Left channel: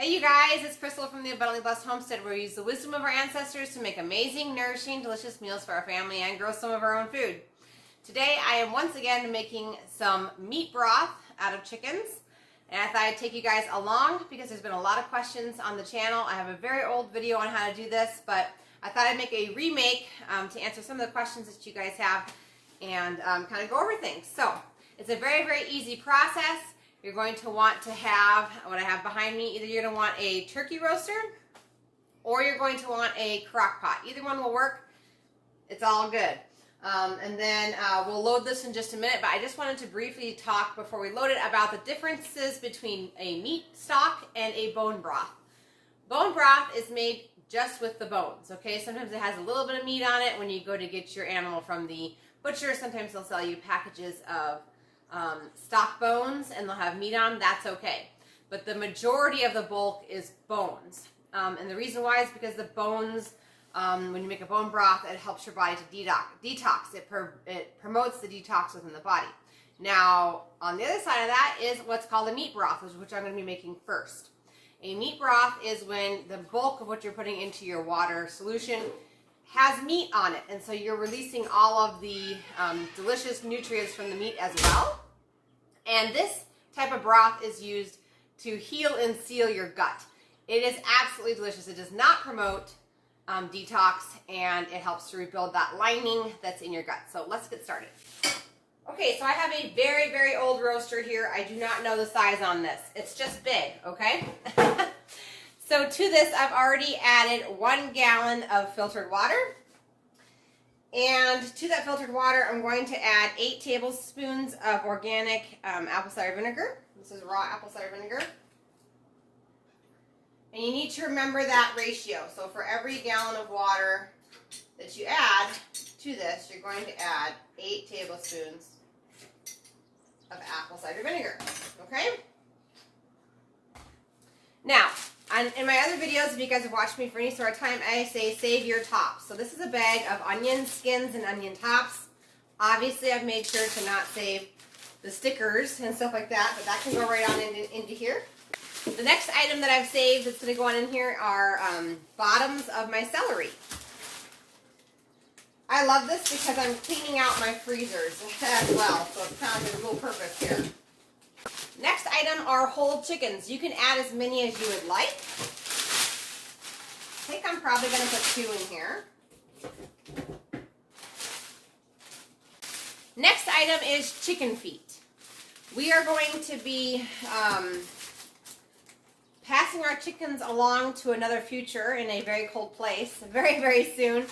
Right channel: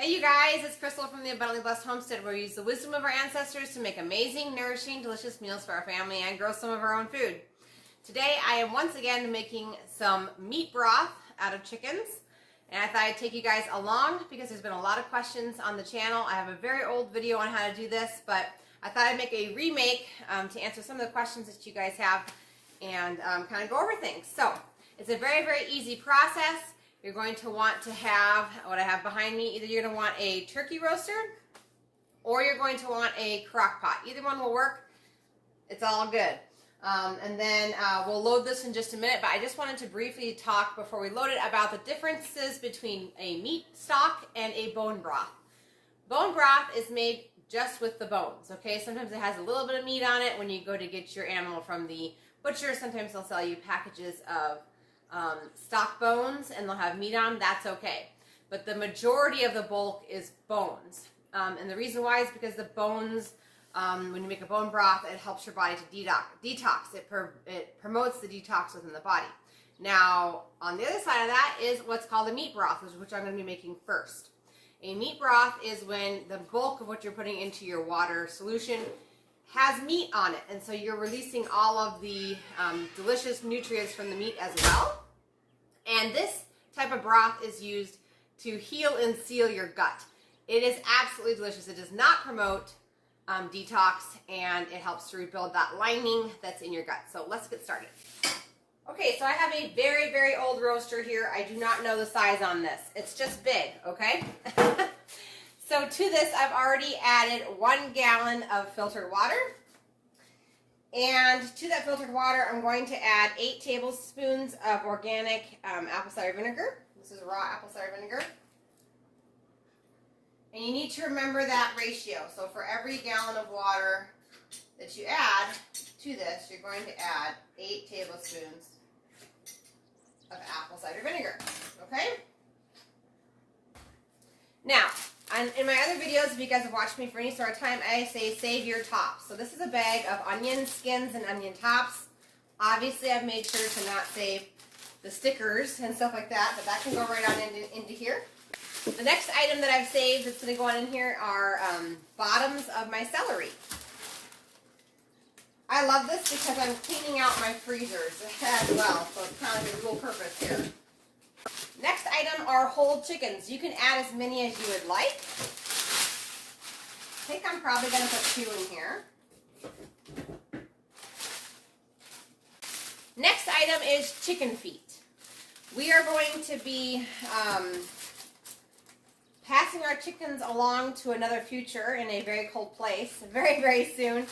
Hey you guys, it's Crystal from the Abundantly Blessed Homestead, where we use the wisdom of our ancestors to make amazing, nourishing, delicious meals for our family and grow some of our own food. Today I am once again making some meat broth out of chickens, and I thought I'd take you guys along because there's been a lot of questions on the channel. I have a very old video on how to do this, but I thought I'd make a remake to answer some of the questions that you guys have and kind of go over things. So it's a very, very easy process. You're going to want to have what I have behind me. Either you're going to want a turkey roaster or you're going to want a crock pot. Either one will work. It's all good. And then we'll load this in just a minute, but I just wanted to briefly talk before we load it about the differences between a meat stock and a bone broth. Bone broth is made just with the bones, okay? Sometimes it has a little bit of meat on it when you go to get your animal from the butcher. Sometimes they'll sell you packages of stock bones and they'll have meat on. That's okay, but the majority of the bulk is bones, and the reason why is because the bones, when you make a bone broth, it helps your body to detox. It promotes the detox within the body. Now on the other side of that is what's called a meat broth, which I'm going to be making first. A meat broth is when the bulk of what you're putting into your water solution has meat on it, and so you're releasing all of the delicious nutrients from the meat as well. And this type of broth is used to heal and seal your gut. It is absolutely delicious. It does not promote detox, and it helps to rebuild that lining that's in your gut. So let's get started. Okay, so I have a very, very old roaster here. I do not know the size on this. It's just big, okay? So to this, I've already added 1 gallon of filtered water. And to that filtered water, I'm going to add 8 tablespoons of organic apple cider vinegar. This is raw apple cider vinegar. And you need to remember that ratio. So for every gallon of water that you add to this, you're going to add 8 tablespoons of apple cider vinegar. Okay? Now, in my other videos, if you guys have watched me for any sort of time, I say save your tops. So this is a bag of onion skins and onion tops. Obviously, I've made sure to not save the stickers and stuff like that, but that can go right on into here. The next item that I've saved that's going to go on in here are bottoms of my celery. I love this because I'm cleaning out my freezers as well, so it's kind of a dual purpose here. Next item are whole chickens. You can add as many as you would like. I think I'm probably going to put 2 in here. Next item is chicken feet. We are going to be passing our chickens along to another future in a very cold place very, very soon.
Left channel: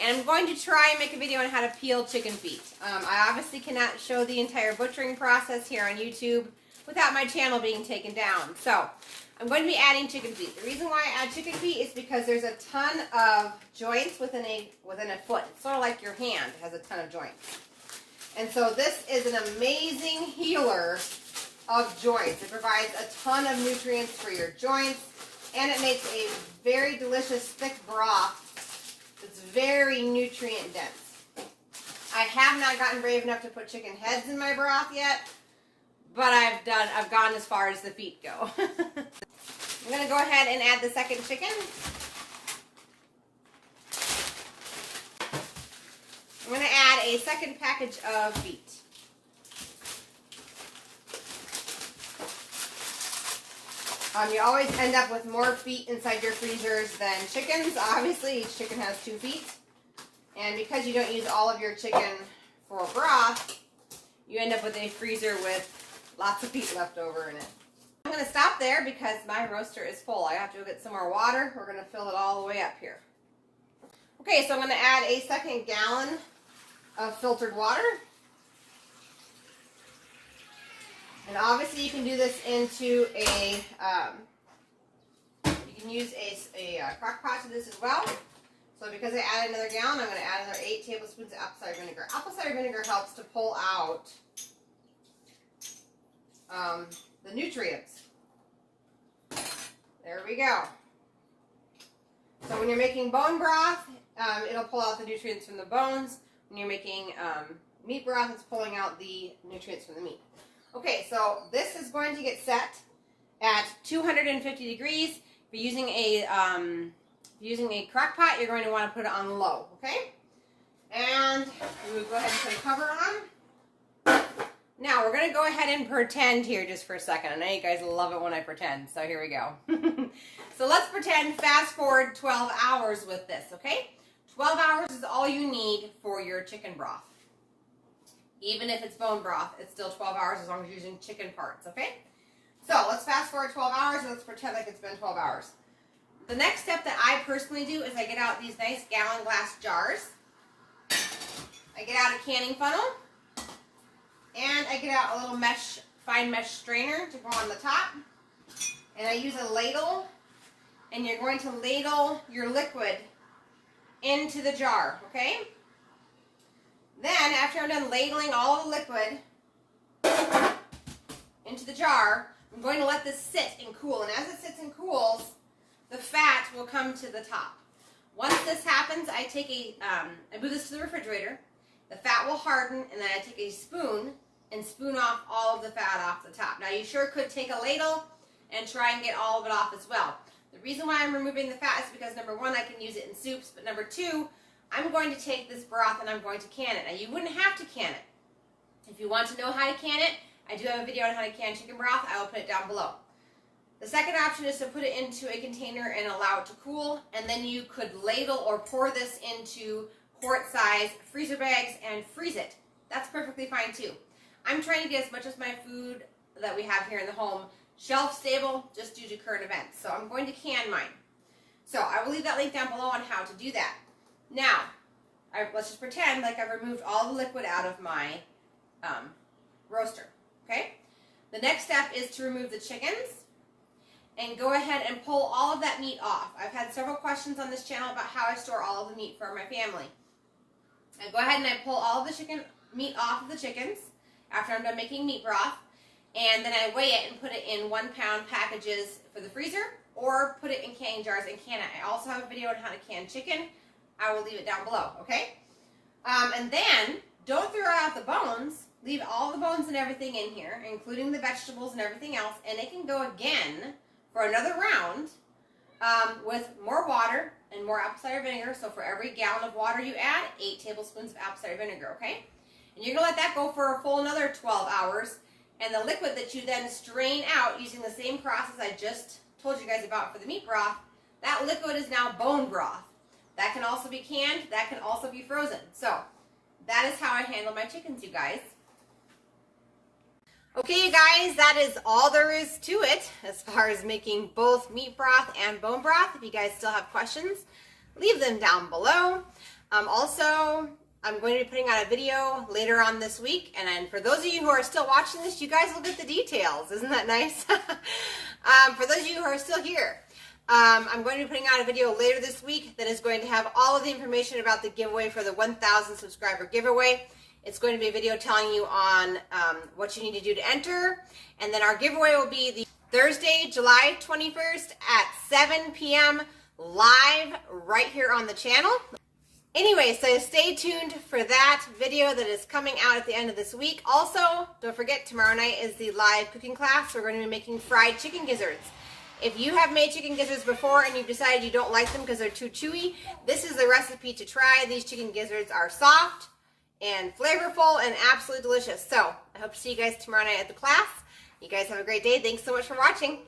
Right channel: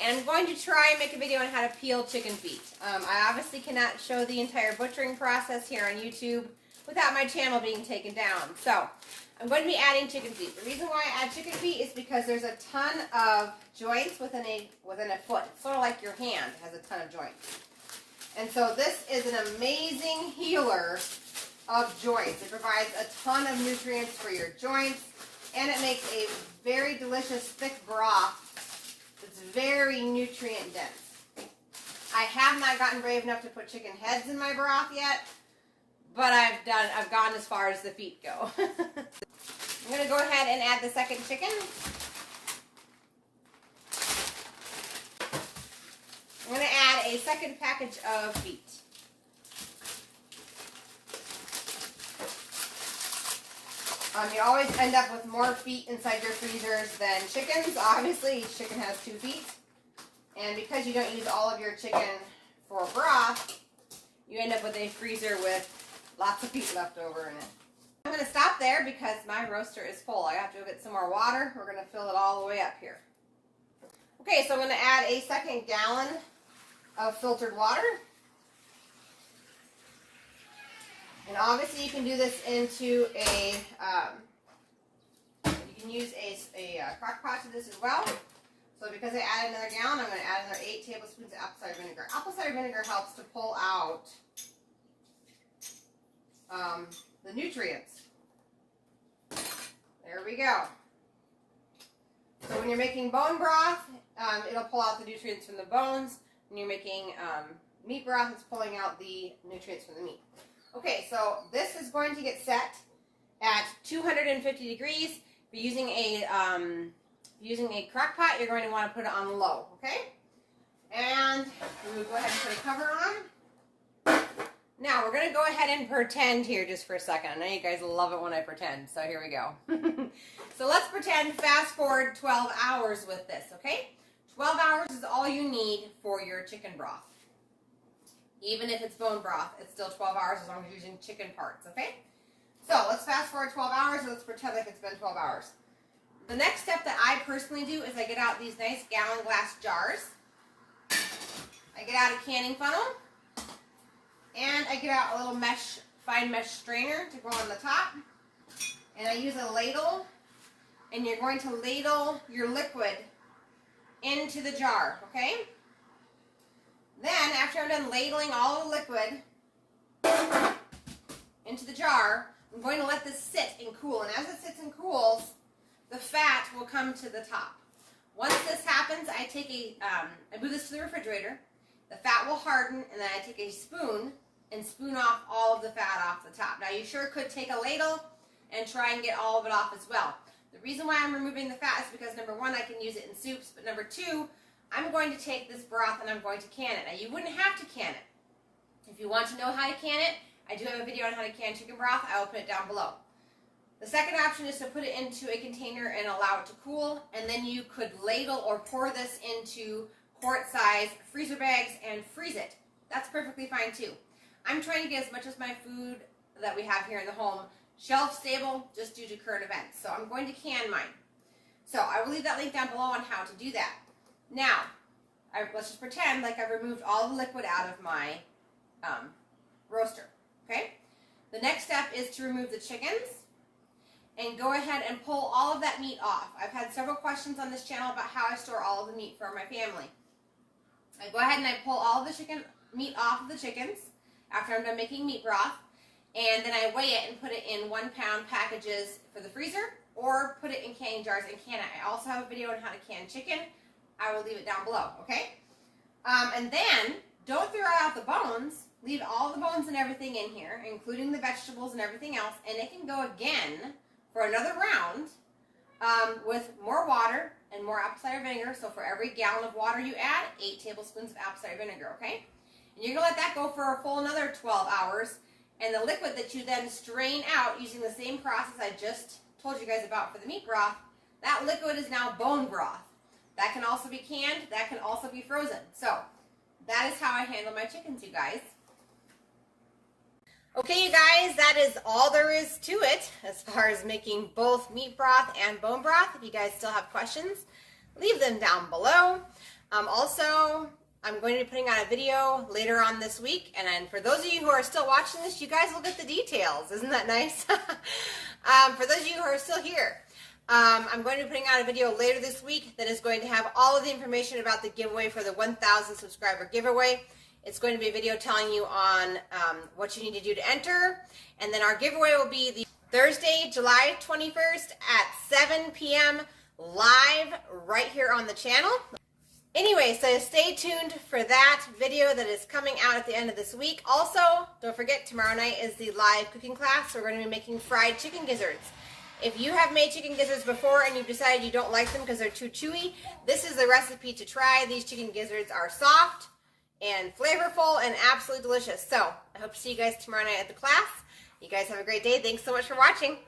And I'm going to try and make a video on how to peel chicken feet. I obviously cannot show the entire butchering process here on YouTube without my channel being taken down. So I'm going to be adding chicken feet. The reason why I add chicken feet is because there's a ton of joints within a foot. It's sort of like your hand has a ton of joints. And so this is an amazing healer of joints. It provides a ton of nutrients for your joints, and it makes a very delicious thick broth that's very nutrient dense. I have not gotten brave enough to put chicken heads in my broth yet, but I've gone as far as the feet go. I'm going to go ahead and add the second chicken. I'm going to add a second package of feet. You always end up with more feet inside your freezers than chickens. Obviously, each chicken has 2 feet. And because you don't use all of your chicken for broth, you end up with a freezer with lots of feet left over in it. I'm going to stop there because my roaster is full. I have to go get some more water. We're going to fill it all the way up here. Okay, so I'm going to add a 2 gallon of filtered water. And obviously you can do this into a, you can use a crock pot to this as well. So because I added another gallon, I'm going to add another 8 tablespoons of apple cider vinegar. Apple cider vinegar helps to pull out the nutrients. There we go. So when you're making bone broth, it'll pull out the nutrients from the bones. When you're making meat broth, it's pulling out the nutrients from the meat. Okay, so this is going to get set, at 250 degrees. If you're using a crock pot, you're going to want to put it on low, okay? And we'll go ahead and put a cover on. Now, we're going to go ahead and pretend here just for a second. I know you guys love it when I pretend, so here we go. So let's pretend fast forward 12 hours with this, okay? 12 hours is all you need for your chicken broth. Even if it's bone broth, it's still 12 hours as long as you're using chicken parts, okay? So let's fast forward 12 hours and let's pretend like it's been 12 hours. The next step that I personally do is I get out these nice gallon glass jars. I get out a canning funnel. And I get out a little fine mesh strainer to go on the top. And I use a ladle. And you're going to ladle your liquid into the jar, okay? Then, after I'm done ladling all the liquid into the jar, I'm going to let this sit and cool. And as it sits and cools, the fat will come to the top. Once this happens, I take I move this to the refrigerator. The fat will harden, and then I take a spoon and spoon off all of the fat off the top. Now, you sure could take a ladle and try and get all of it off as well. The reason why I'm removing the fat is because, number one, I can use it in soups, but number two, I'm going to take this broth and I'm going to can it. Now, you wouldn't have to can it. If you want to know how to can it, I do have a video on how to can chicken broth. I will put it down below. The second option is to put it into a container and allow it to cool, and then you could ladle or pour this into quart-size freezer bags and freeze it. That's perfectly fine too. I'm trying to get as much of my food that we have here in the home shelf stable just due to current events. So I'm going to can mine. So I will leave that link down below on how to do that. Now, let's just pretend like I've removed all the liquid out of my roaster, okay? The next step is to remove the chickens and go ahead and pull all of that meat off. I've had several questions on this channel about how I store all of the meat for my family. I go ahead and I pull all of the chicken meat off of the chickens after I'm done making meat broth, and then I weigh it and put it in 1 pound packages for the freezer, or put it in canning jars and can it. I also have a video on how to can chicken. I will leave it down below, okay? And then, don't throw out the bones. Leave all the bones and everything in here, including the vegetables and everything else, and it can go again for another round with more water and more apple cider vinegar. So for every gallon of water you add, 8 tablespoons of apple cider vinegar, okay? And you're going to let that go for a full another 12 hours. And the liquid that you then strain out using the same process I just told you guys about for the meat broth, that liquid is now bone broth. That can also be canned. That can also be frozen. So that is how I handle my chickens, you guys. Okay, you guys, that is all there is to it as far as making both meat broth and bone broth. If you guys still have questions, leave them down below. Also, I'm going to be putting out a video later on this week, and then for those of you who are still watching this, you guys will get the details. Isn't that nice? For those of you who are still here, I'm going to be putting out a video later this week that is going to have all of the information about the giveaway for the 1,000 subscriber giveaway. It's going to be a video telling you on what you need to do to enter, and then our giveaway will be the Thursday, July 21st at 7 p.m. live right here on the channel. Anyway, so stay tuned for that video that is coming out at the end of this week. Also, don't forget, tomorrow night is the live cooking class. We're going to be making fried chicken gizzards. If you have made chicken gizzards before and you've decided you don't like them because they're too chewy, this is the recipe to try. These chicken gizzards are soft and flavorful and absolutely delicious. So, I hope to see you guys tomorrow night at the class. You guys have a great day. Thanks so much for watching.